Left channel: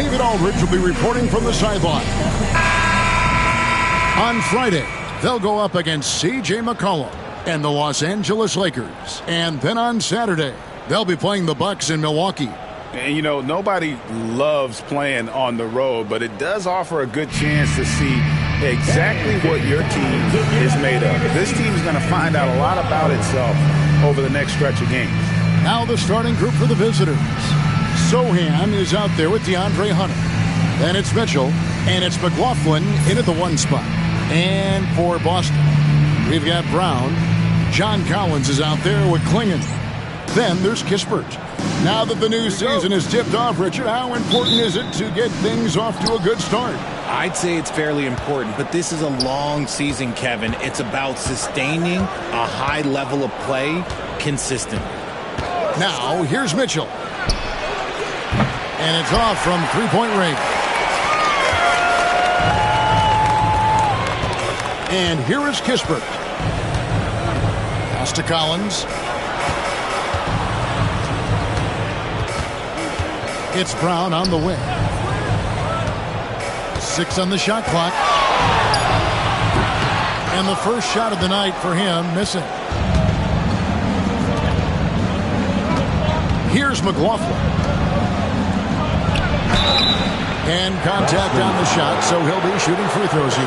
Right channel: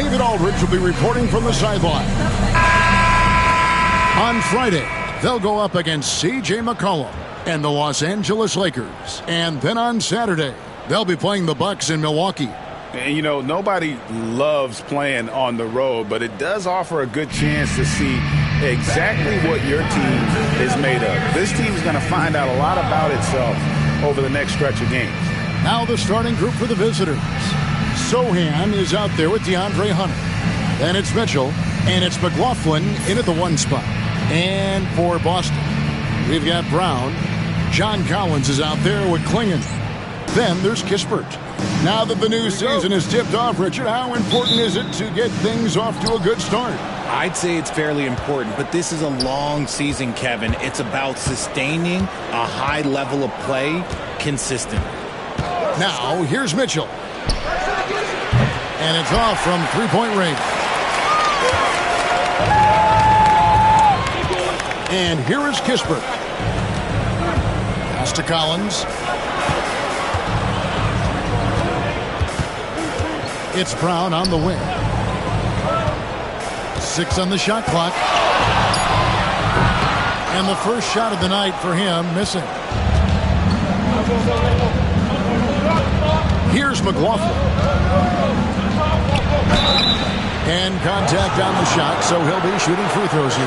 David Aldridge will be reporting from the sideline. On Friday, they'll go up against C.J. McCollum and the Los Angeles Lakers. And then on Saturday, they'll be playing the Bucks in Milwaukee. And, you know, nobody loves playing on the road, but it does offer a good chance to see exactly what your team is made of. This team is going to find out a lot about itself over the next stretch of games. Now the starting group for the visitors. Sohan is out there with DeAndre Hunter. Then it's Mitchell, and it's McLaughlin in at the 1 spot. And for Boston, we've got Brown. John Collins is out there with Klingon. Then there's Kispert. Now that the new season is tipped off, Richard, how important is it to get things off to a good start? I'd say it's fairly important, but this is a long season, Kevin. It's about sustaining a high level of play consistently. Now, here's Mitchell. And it's off from three-point range. And here is Kispert. Pass to Collins. It's Brown on the wing. 6 on the shot clock. And the first shot of the night for him missing. Here's McLaughlin. And contact on the shot, so he'll be shooting free throws here.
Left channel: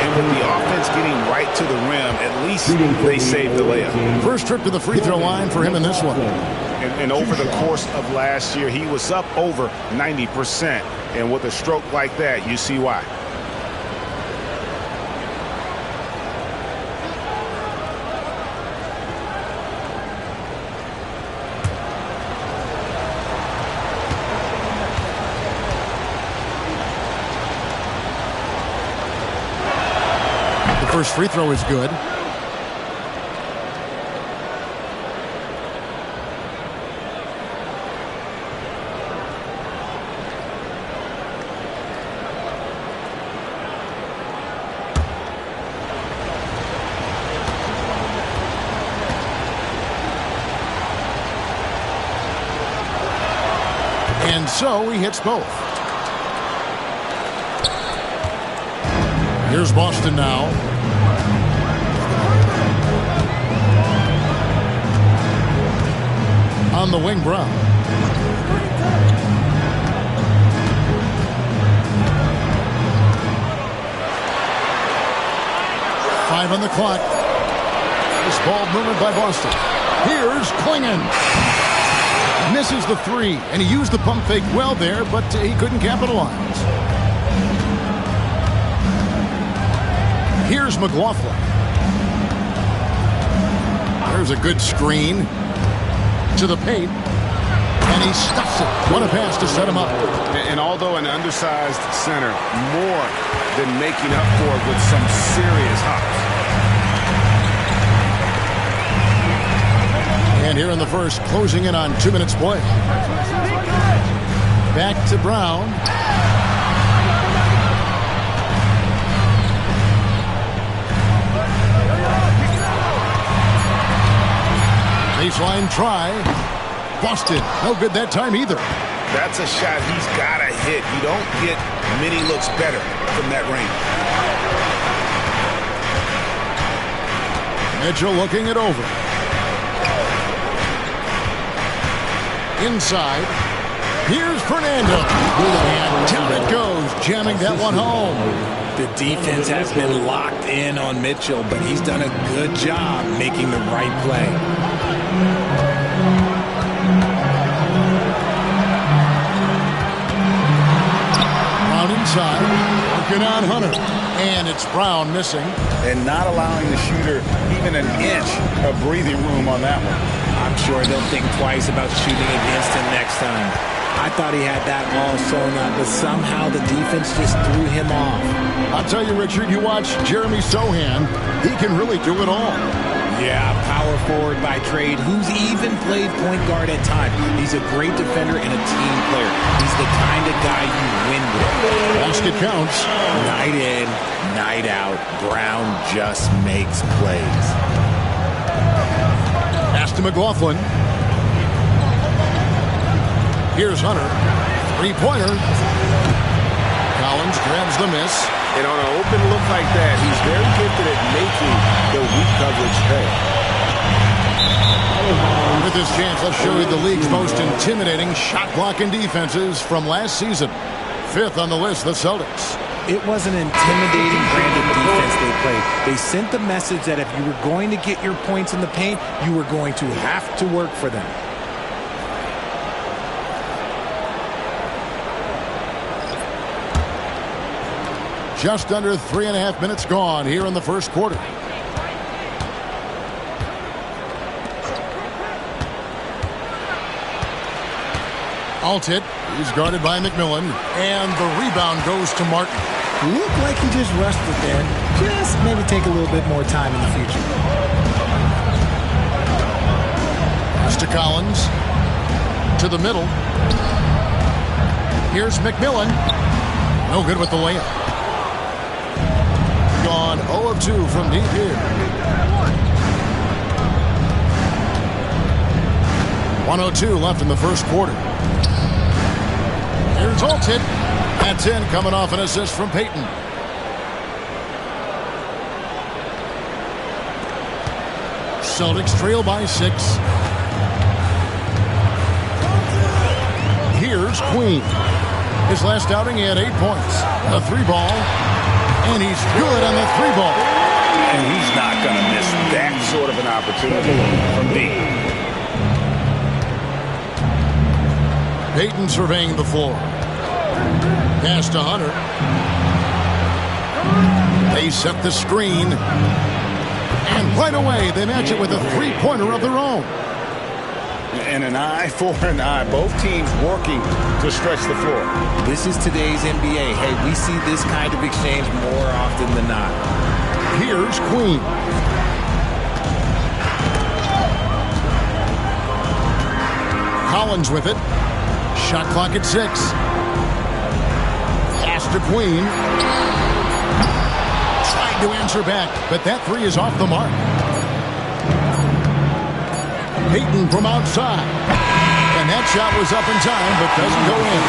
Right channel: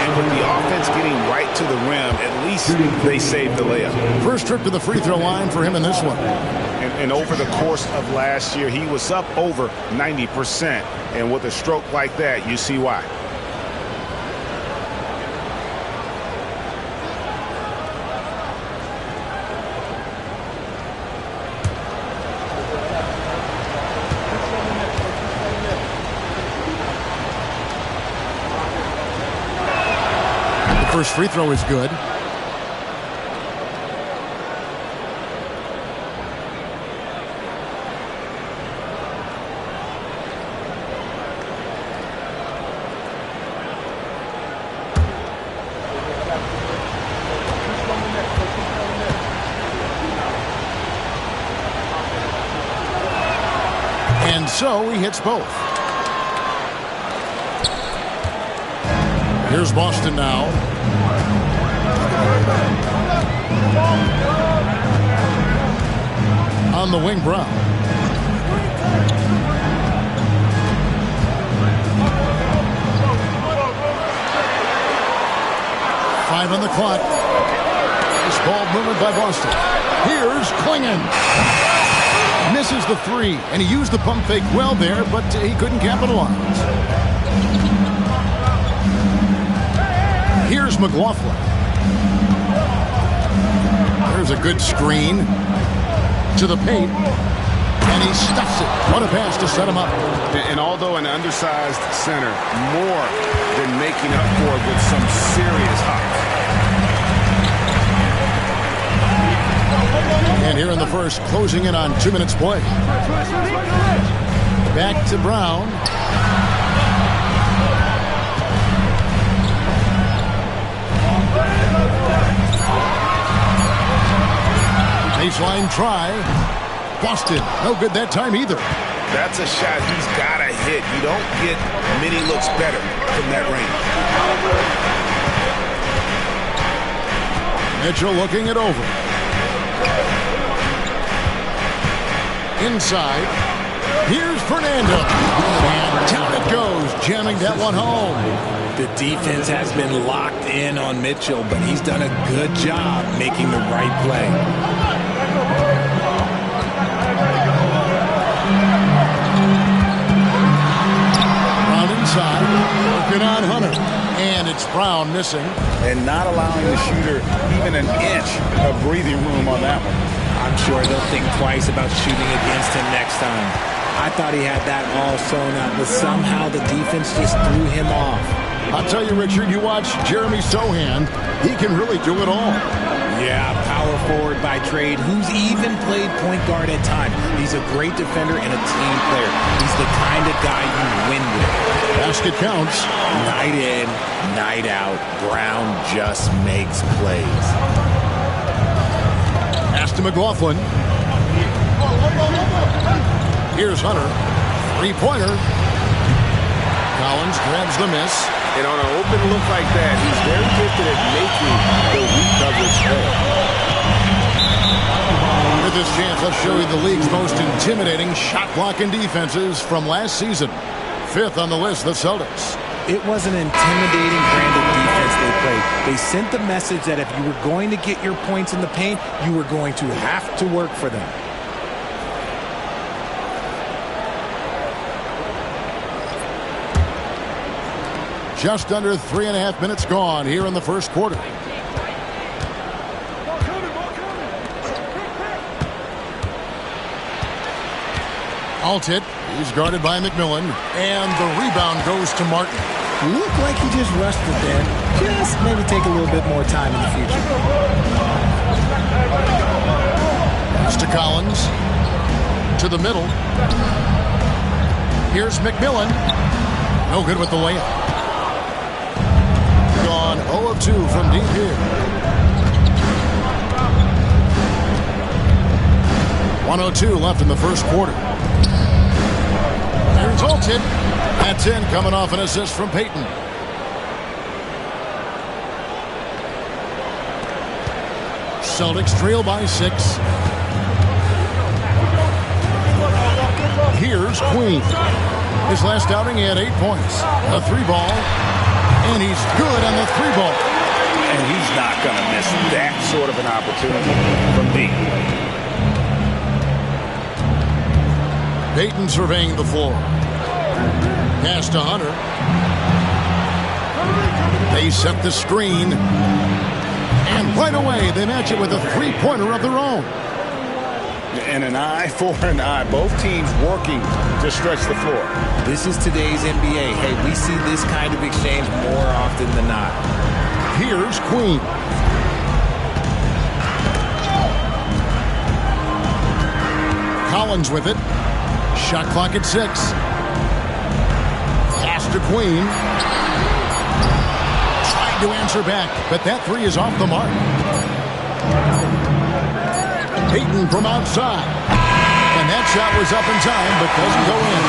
And with the offense getting right to the rim, at least they saved the layup. First trip to the free throw line for him in this one. And over the course of last year, he was up over 90%. And with a stroke like that, you see why. The first free throw is good. And so he hits both. Here's Boston now. On the wing, Brown. Five on the clock. This ball movement by Boston. Here's Klingon. Misses the three, and he used the pump fake well there, but he couldn't capitalize. Here's McLaughlin. There's a good screen to the paint, and he stuffs it. What a pass to set him up. And although an undersized center, more than making up for it with some serious hops. And here in the first, closing in on 2 minutes play. Back to Brown. Baseline try. Boston, no good that time either. That's a shot he's got to hit. You don't get many looks better from that range. Mitchell looking it over. Inside. Here's Fernando. And down it goes, jamming that one home. The defense has been locked in on Mitchell, but he's done a good job making the right play. Brown inside. Working on Hunter. And it's Brown missing. And not allowing the shooter even an inch of breathing room on that one. I'm sure they'll think twice about shooting against him next time. I thought he had that all sewn up, but somehow the defense just threw him off. I'll tell you, Richard, you watch Jeremy Sohan, he can really do it all. Yeah, power forward by trade, who's even played point guard at times. He's a great defender and a team player. He's the kind of guy you win with. Basket counts. Night in, night out, Brown just makes plays. Pass to McLaughlin. Here's Hunter. Three-pointer. Collins grabs the miss. And on an open look like that, he's very gifted at making the weak coverage pay. With this chance, let's show you the league's most intimidating shot-blocking defenses from last season. 5th on the list, the Celtics. It was an intimidating brand of defense they played. They sent the message that if you were going to get your points in the paint, you were going to have to work for them. Just under 3.5 minutes gone here in the first quarter. Altit, he's guarded by McMillan, and the rebound goes to Martin. Looked like he just rushed it there. Just maybe take a little bit more time in the future. Pass to Collins. To the middle. Here's McMillan. No good with the layup. Gone 0 of 2 from deep here. 1:02 left in the first quarter. Here's Altit. That's in, coming off an assist from Payton. Celtics trail by 6. Here's Queen. His last outing, he had 8 points. A 3-ball. And he's good on the 3-ball. And he's not going to miss that sort of an opportunity from deep. Payton surveying the floor. Pass to Hunter. They set the screen. And right away, they match it with a 3-pointer of their own. And an eye for an eye. Both teams working to stretch the floor. This is today's NBA. Hey, we see this kind of exchange more often than not. Here's Queen. Collins with it. Shot clock at 6. Pass to Queen. Tried to answer back, but that 3 is off the mark. Payton from outside. And that shot was up in time, but doesn't go in.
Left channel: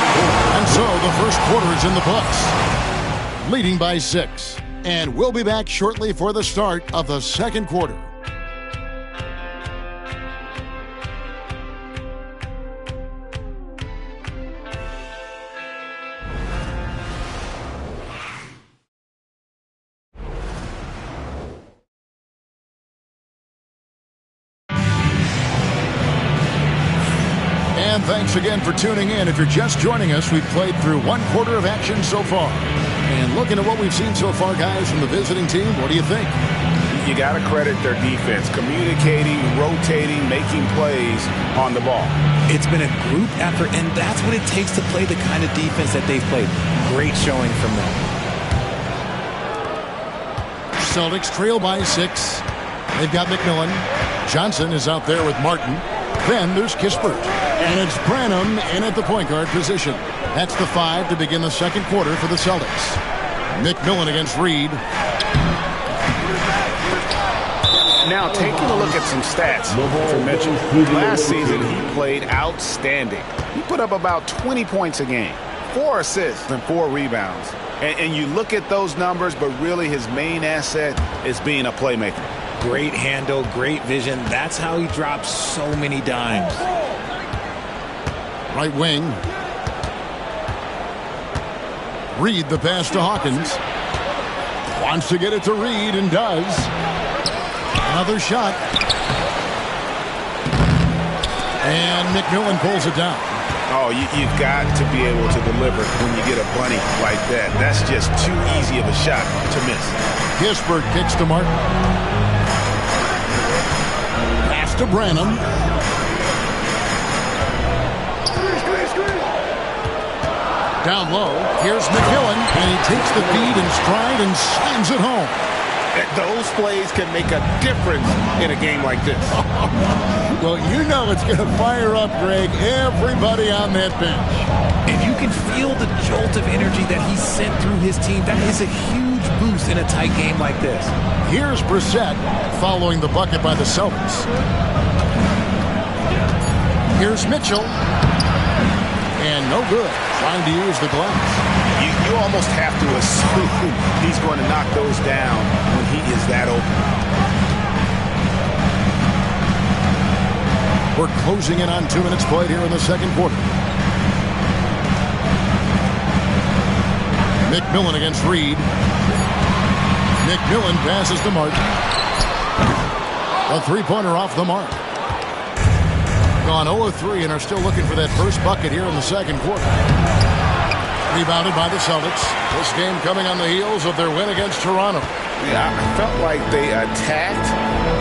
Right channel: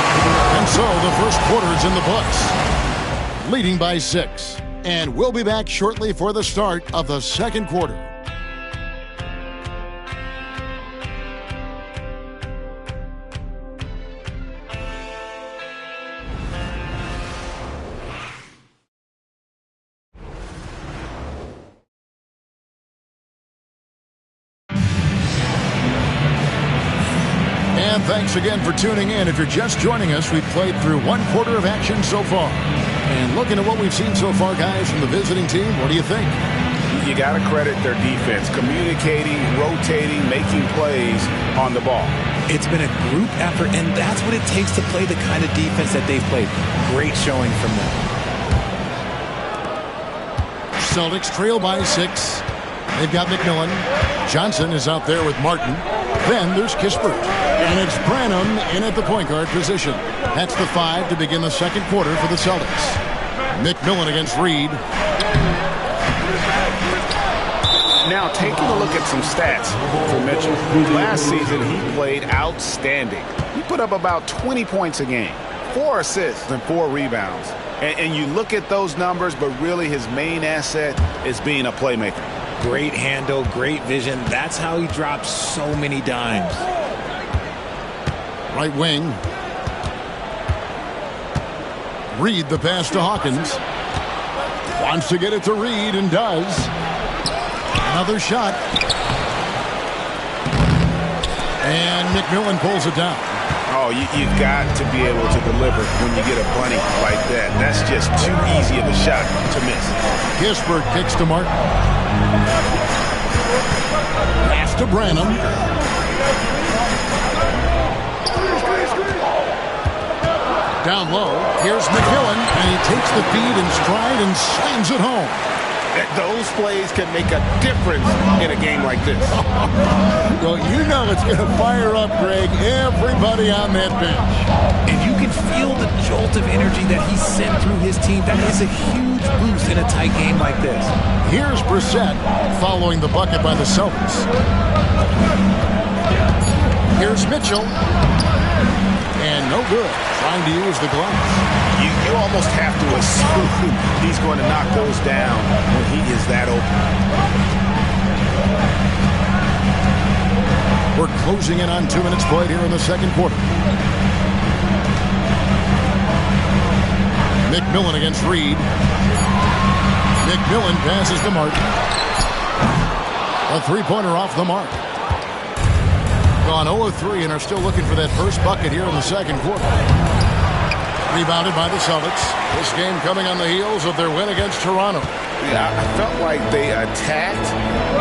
And so the first quarter is in the books. Leading by 6. And we'll be back shortly for the start of the second quarter. And thanks again for tuning in. If you're just joining us, we've played through 1 quarter of action so far. And looking at what we've seen so far, guys, from the visiting team, what do you think? You got to credit their defense, communicating, rotating, making plays on the ball. It's been a group effort, and that's what it takes to play the kind of defense that they've played. Great showing from them. Celtics trail by 6. They've got McMillan. Johnson is out there with Martin. Then there's Kispert. And it's Branham in at the point guard position. That's the 5 to begin the second quarter for the Celtics. McMillan against Reed. Now, taking a look at some stats for Mitchell. Last season, he played outstanding. He put up about 20 points a game, 4 assists and 4 rebounds. And you look at those numbers, but really his main asset is being a playmaker. Great handle, great vision. That's how he drops so many dimes. Right wing. Reed the pass to Hawkins. Wants to get it to Reed and does. Another shot. And McMillan pulls it down. Oh, you've got to be able to deliver when you get a bunny like that. That's just too easy of a shot to miss. Kispert kicks to Martin. Pass to Branham. Down low, here's McMillan, and he takes the feed in stride and slams it home. Those plays can make a difference in a game like this. Well, you know it's going to fire up, Greg, everybody on that bench. If you can feel the jolt of energy that he sent through his team, that is a huge boost in a tight game like this. Here's Brissett following the bucket by the Celtics. Here's Mitchell. And no good. Trying to use the glass. You almost have to assume he's going to knock those down when he is that open. We're closing in on 2 minutes played here in the second quarter. McMillan against Reed. McMillan passes to Martin. A three-pointer off the mark. Gone 0 of 3 and are still looking for that first bucket here in the second quarter. Rebounded by the Celtics. This game coming on the heels of their win against Toronto. Yeah, I felt like they attacked,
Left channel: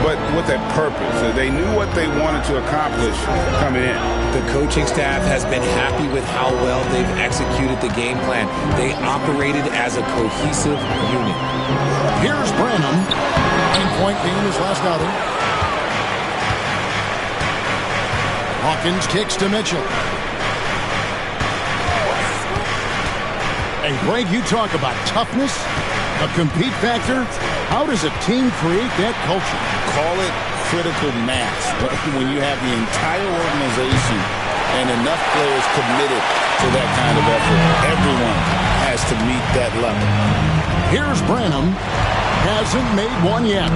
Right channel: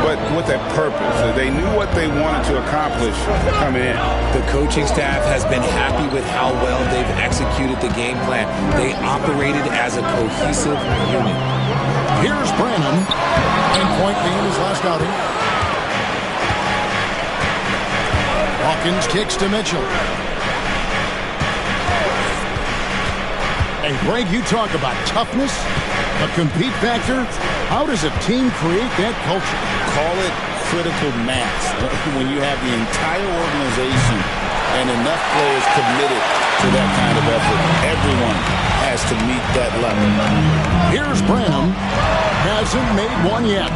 but with a purpose. They knew what they wanted to accomplish coming in. The coaching staff has been happy with how well they've executed the game plan. They operated as a cohesive unit. Here's Branham. 9-point game his last outing. Hawkins kicks to Mitchell. And Greg, you talk about toughness, a compete factor. How does a team create that culture? Call it critical mass. When you have the entire organization and enough players committed to that kind of effort, everyone has to meet that level. Here's Branham. Hasn't made one yet.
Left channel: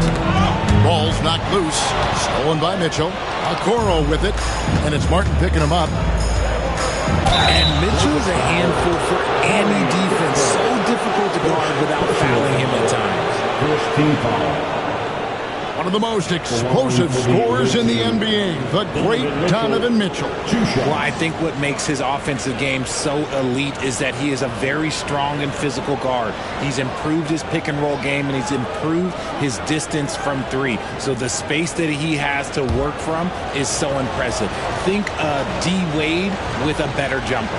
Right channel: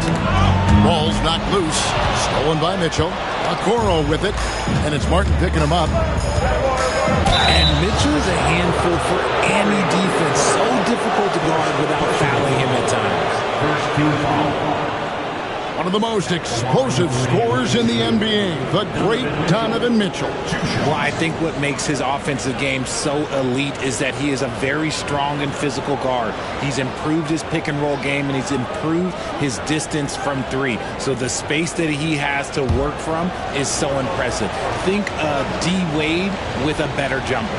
Ball's knocked loose. Stolen by Mitchell. Okoro with it. And it's Martin picking him up. And Mitchell is a handful for any defense. So difficult to guard without fouling him at times. First team foul. One of the most explosive scorers in the NBA, the great Donovan Mitchell. Well, I think what makes his offensive game so elite is that he is a very strong and physical guard. He's improved his pick and roll game, and he's improved his distance from three. So the space that he has to work from is so impressive. Think D. Wade with a better jumper.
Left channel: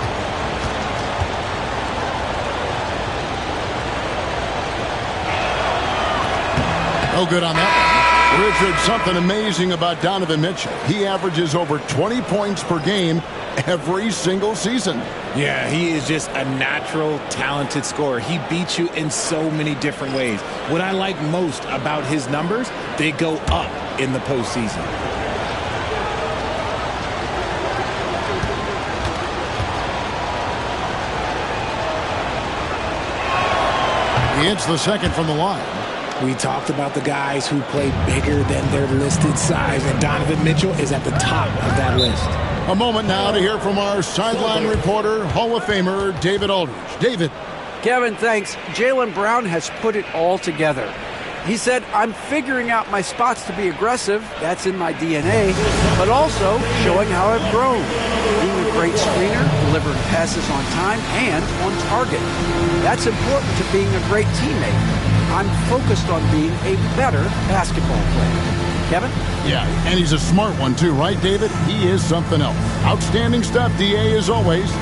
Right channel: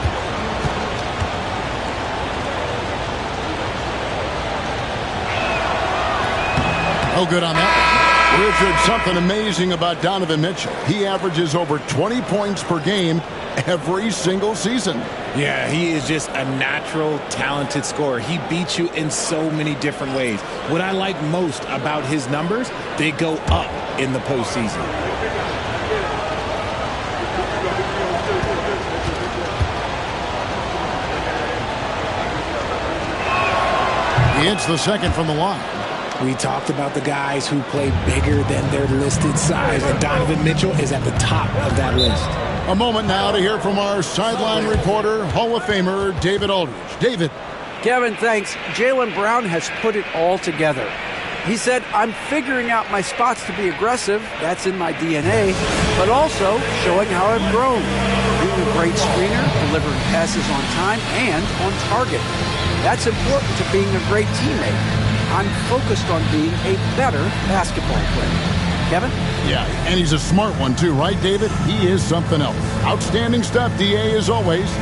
No good on that one. Richard, something amazing about Donovan Mitchell. He averages over 20 points per game every single season. Yeah, he is just a natural, talented scorer. He beats you in so many different ways. What I like most about his numbers, they go up in the postseason. He hits the second from the line. We talked about the guys who play bigger than their listed size, and Donovan Mitchell is at the top of that list. A moment now to hear from our sideline reporter, Hall of Famer David Aldridge. David. Kevin, thanks. Jaylen Brown has put it all together. He said, I'm figuring out my spots to be aggressive. That's in my DNA. But also showing how I've grown. Being a great screener, delivering passes on time and on target. That's important to being a great teammate. I'm focused on being a better basketball player. Kevin? Yeah, and he's a smart one too, right, David? He is something else. Outstanding stuff, DA, as always.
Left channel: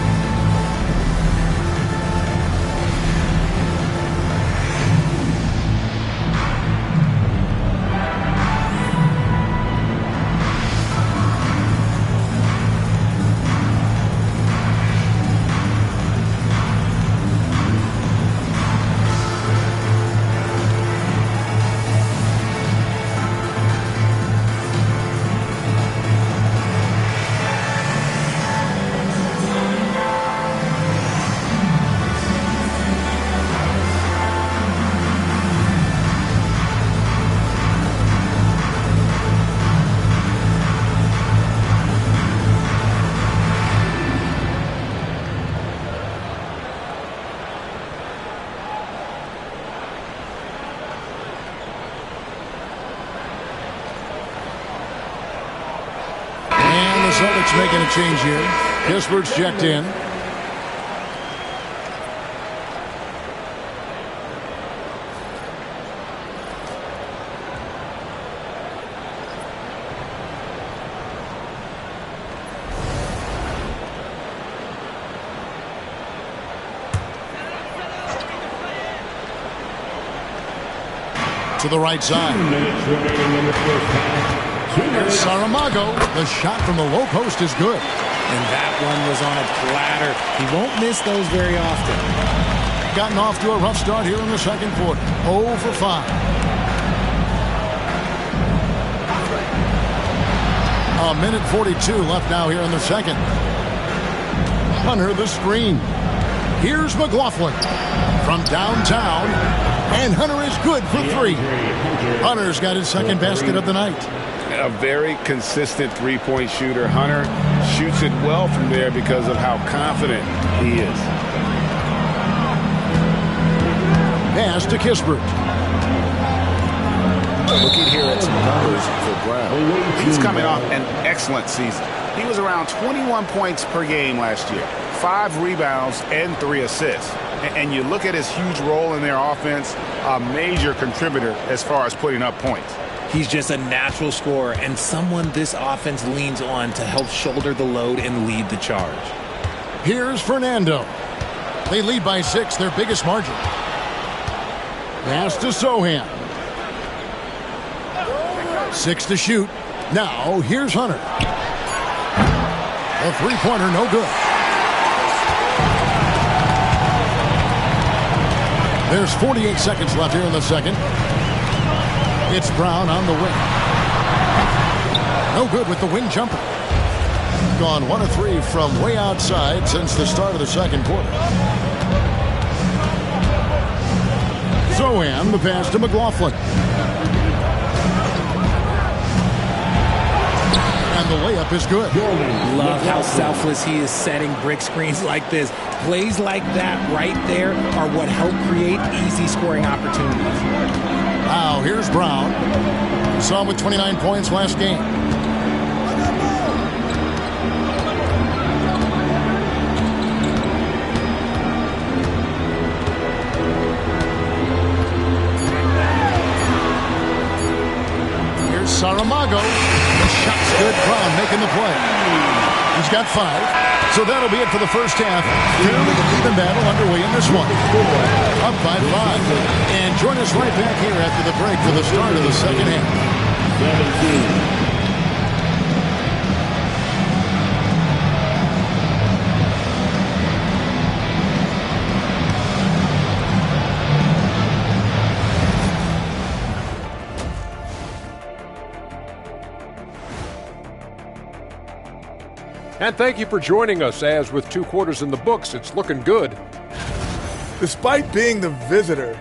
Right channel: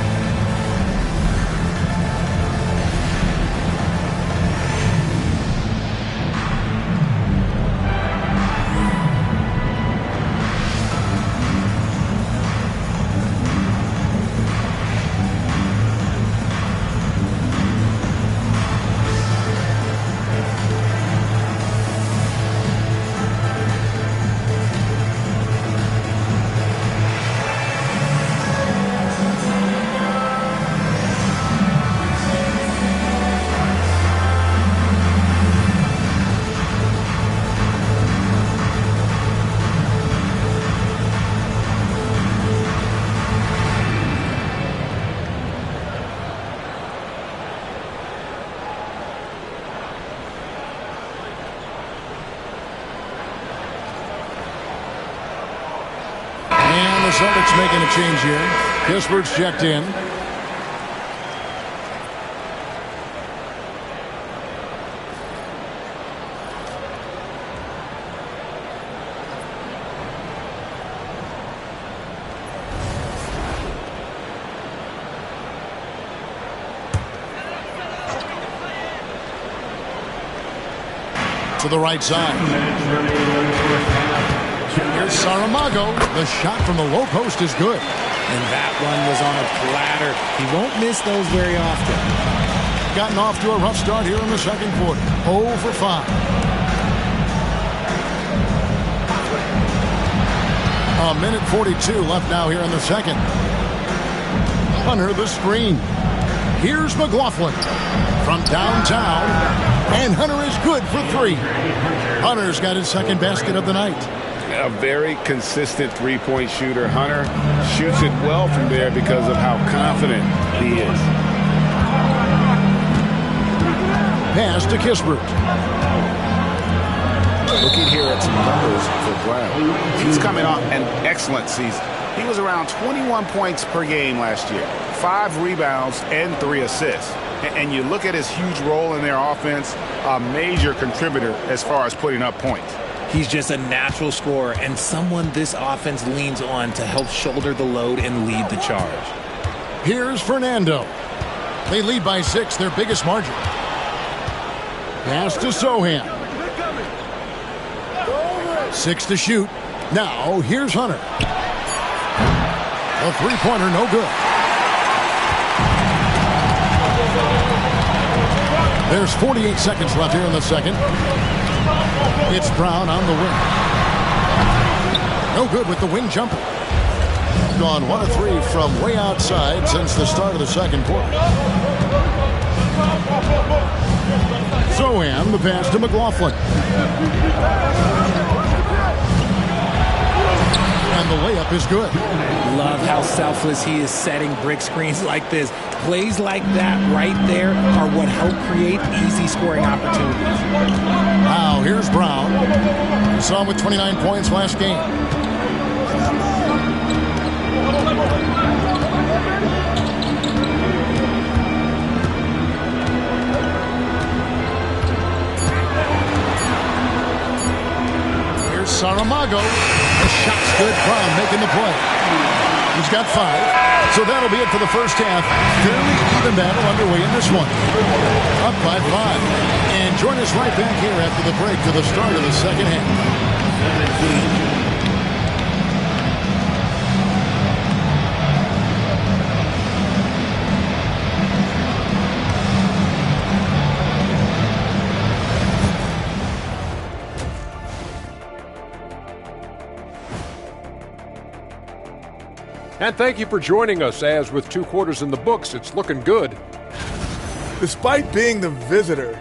Celtics making a change here. Kispert's checked in. To the right side. 2 minutes remaining in the first half. Here's Saramago. The shot from the low post is good. And that one was on a platter. He won't miss those very often. Gotten off to a rough start here in the second quarter. 0 for 5. A minute 42 left now here in the second. Hunter the screen. Here's McLaughlin from downtown, and Hunter is good for 3. Hunter's got his second basket of the night. A very consistent three-point shooter. Hunter shoots it well from there because of how confident he is. Pass to Kispert. Looking here at some numbers for Brown. He's coming off an excellent season. He was around 21 points per game last year, 5 rebounds and 3 assists. And you look at his huge role in their offense, a major contributor as far as putting up points. He's just a natural scorer and someone this offense leans on to help shoulder the load and lead the charge. Here's Fernando. They lead by 6, their biggest margin. Pass to Sohan. 6 to shoot. Now here's Hunter. A three-pointer, no good. There's 48 seconds left here in the second. It's Brown on the wing. No good with the wing jumper. Gone 1 of 3 from way outside since the start of the second quarter. Sohan, the pass to McLaughlin. And the layup is good. Love how selfless he is setting brick screens like this. Plays like that right there are what help create easy scoring opportunities. Now here's Brown. We saw him with 29 points last game. Here's Saramago. The shot's good. Brown making the play. He's got 5. So that'll be it for the first half. Fairly even battle underway in this one. Up by 5. And join us right back here after the break for the start of the second half. 17. And thank you for joining us, as with 2 quarters in the books, it's looking good. Despite being the visitor,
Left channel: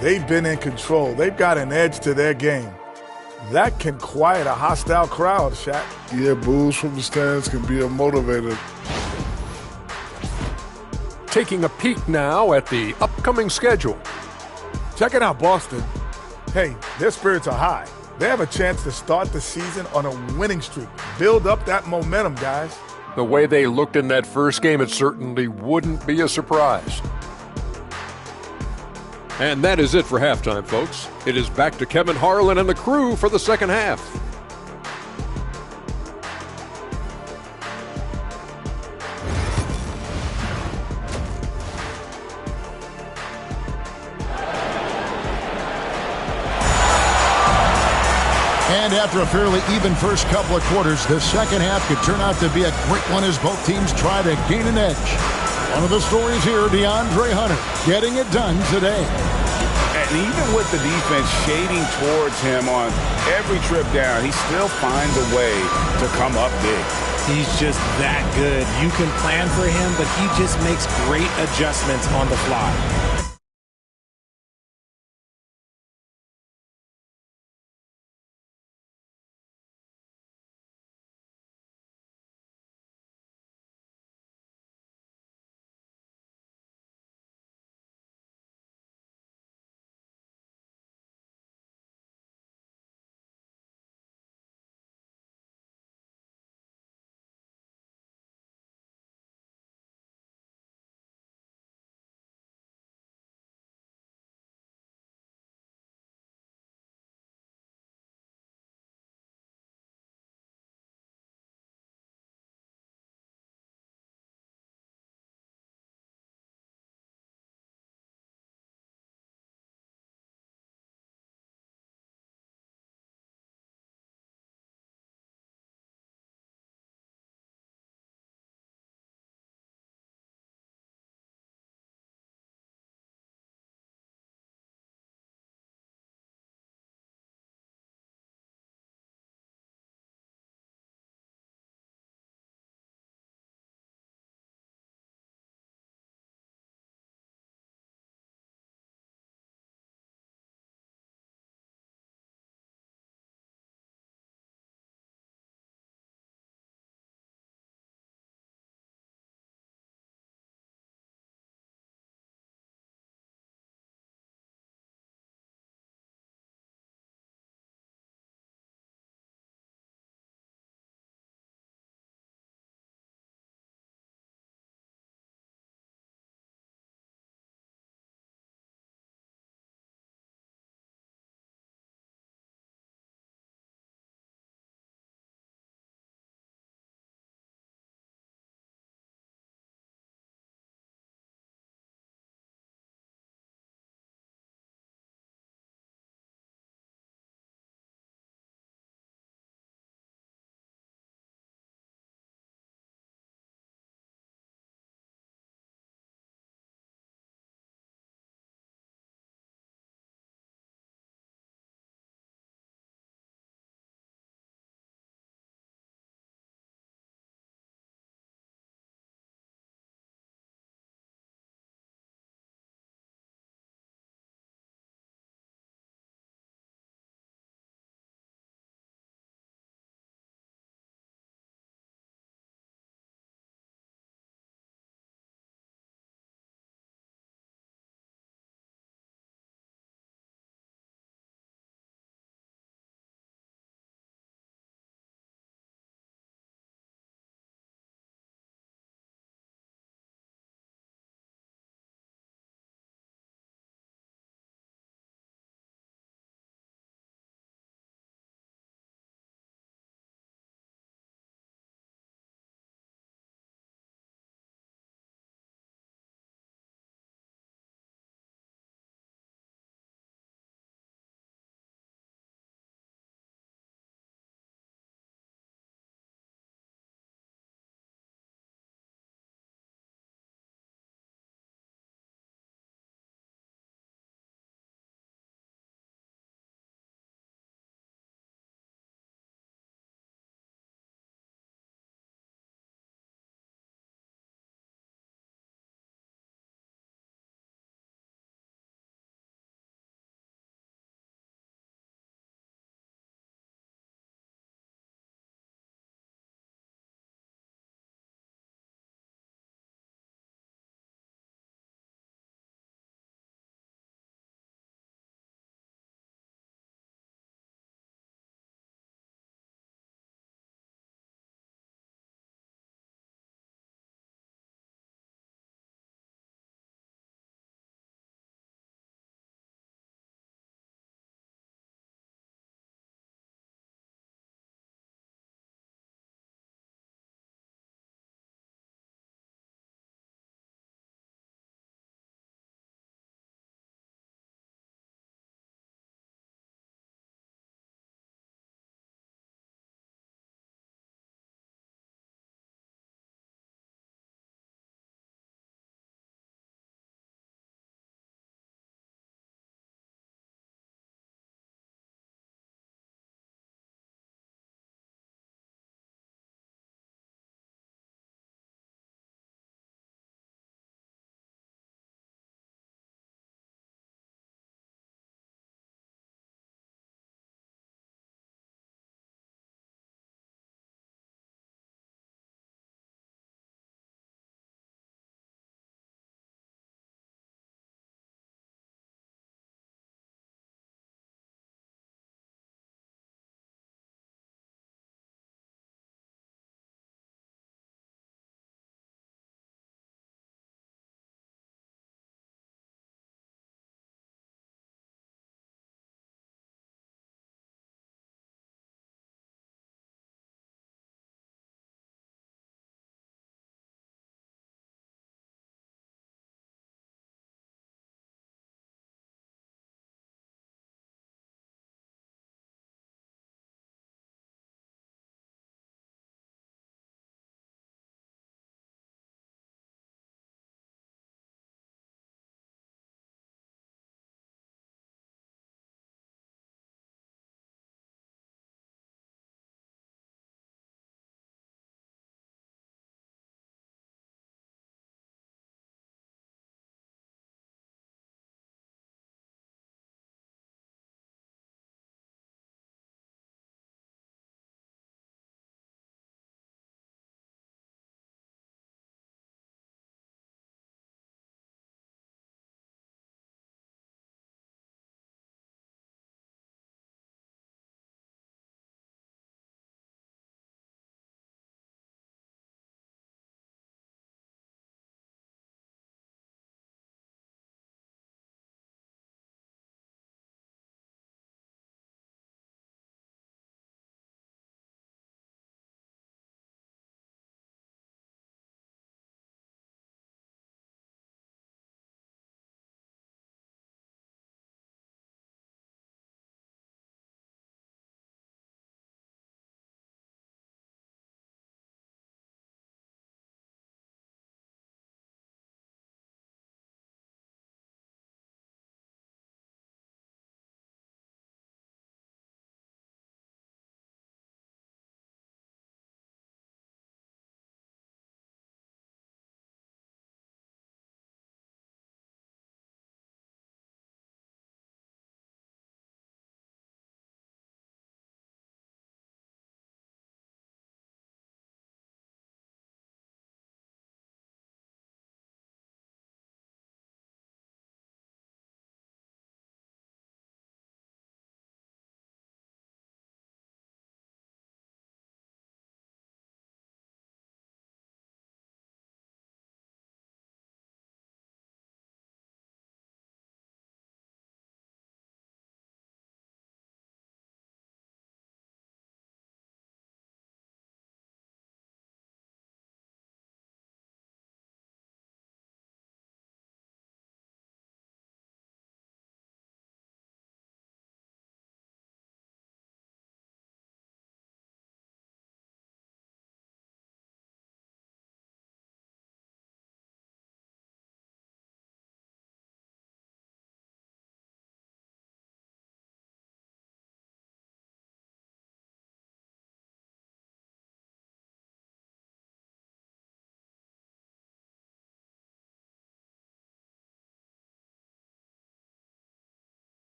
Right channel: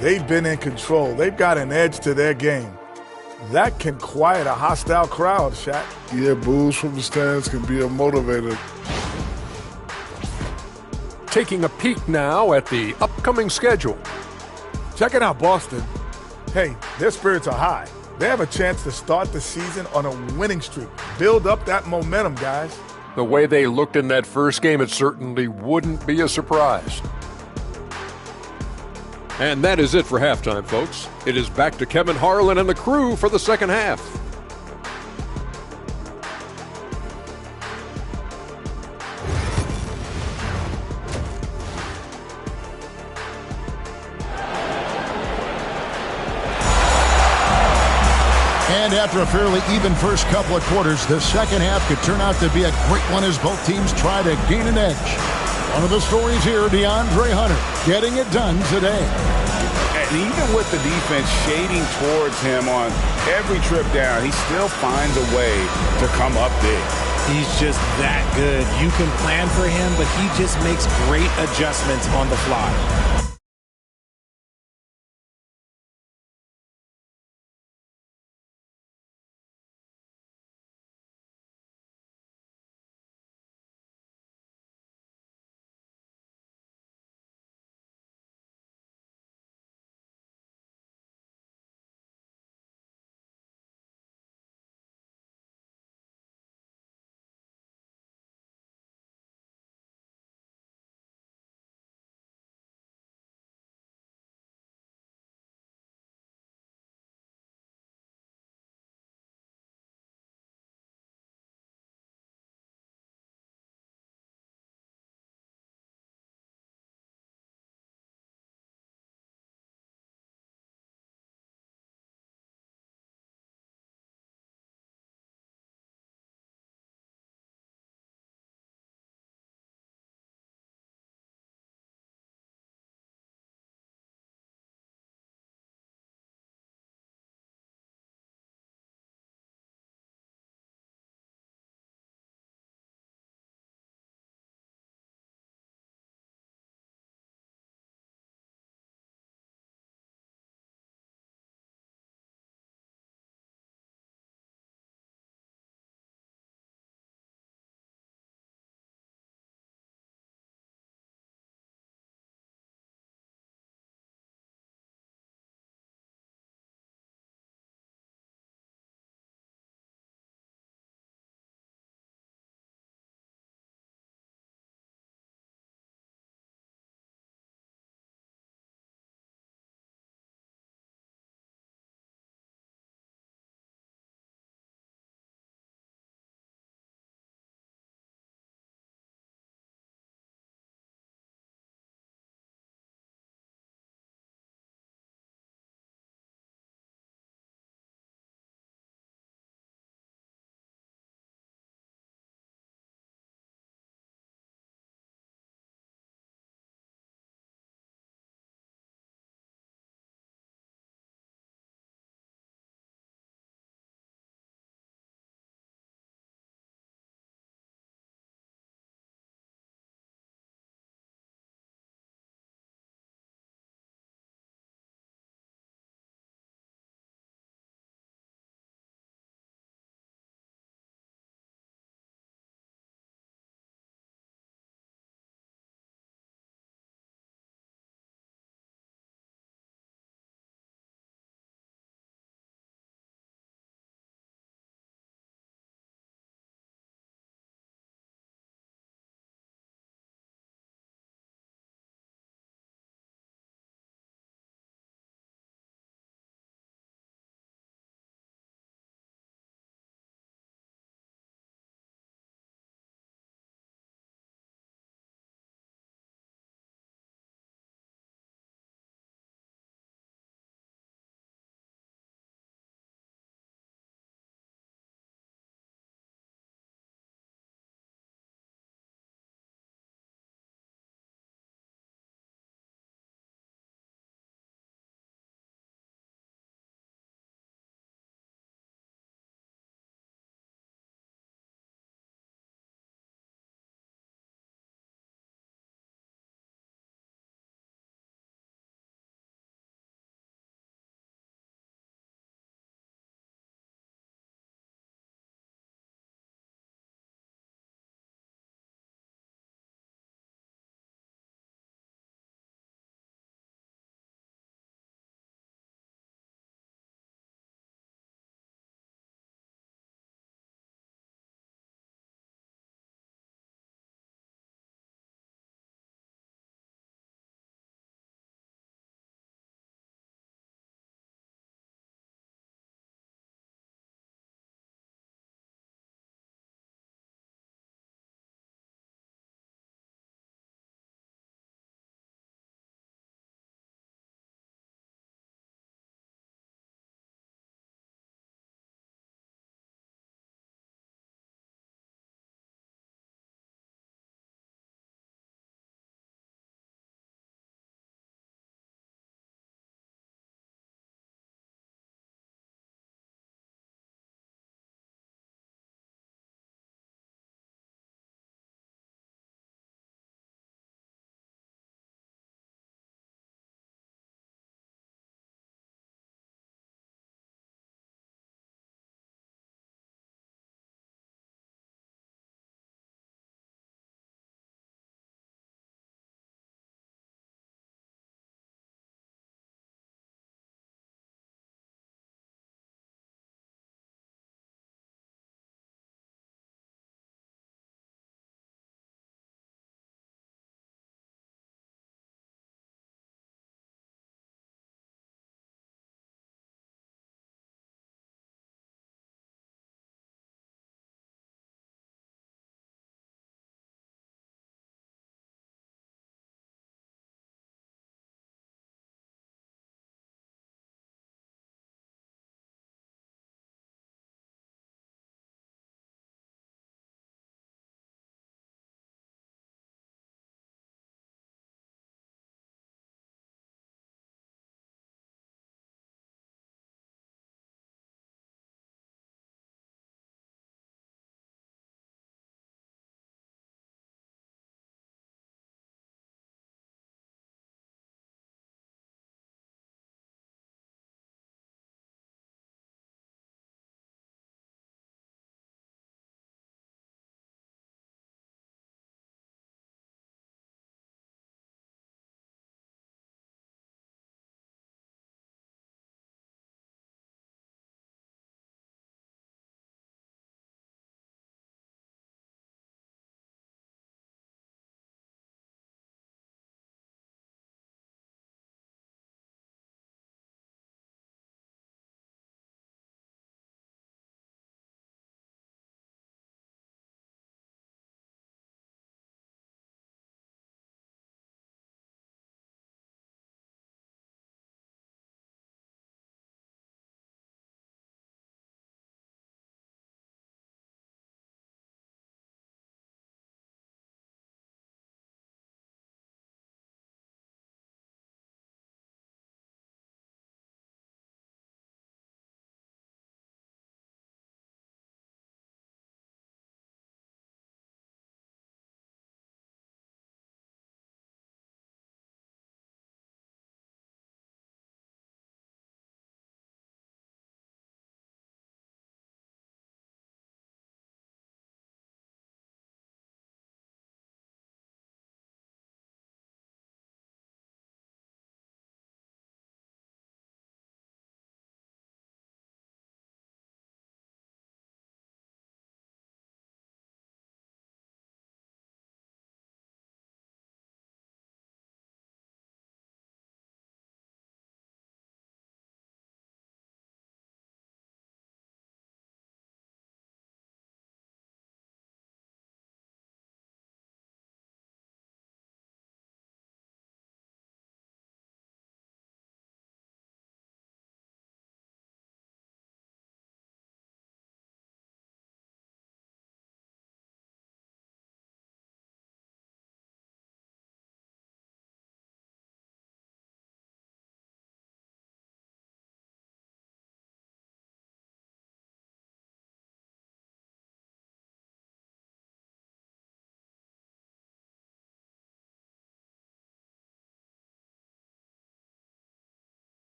they've been in control. They've got an edge to their game. That can quiet a hostile crowd, Shaq. Yeah, boos from the stands can be a motivator. Taking a peek now at the upcoming schedule. Check it out, Boston. Hey, their spirits are high. They have a chance to start the season on a winning streak. Build up that momentum, guys. The way they looked in that first game, it certainly wouldn't be a surprise. And that is it for halftime, folks. It is back to Kevin Harlan and the crew for the second half. And after a fairly even first couple of quarters, the second half could turn out to be a great one as both teams try to gain an edge. One of the stories here, DeAndre Hunter getting it done today. And even with the defense shading towards him on every trip down, he still finds a way to come up big. He's just that good. You can plan for him, but he just makes great adjustments on the fly.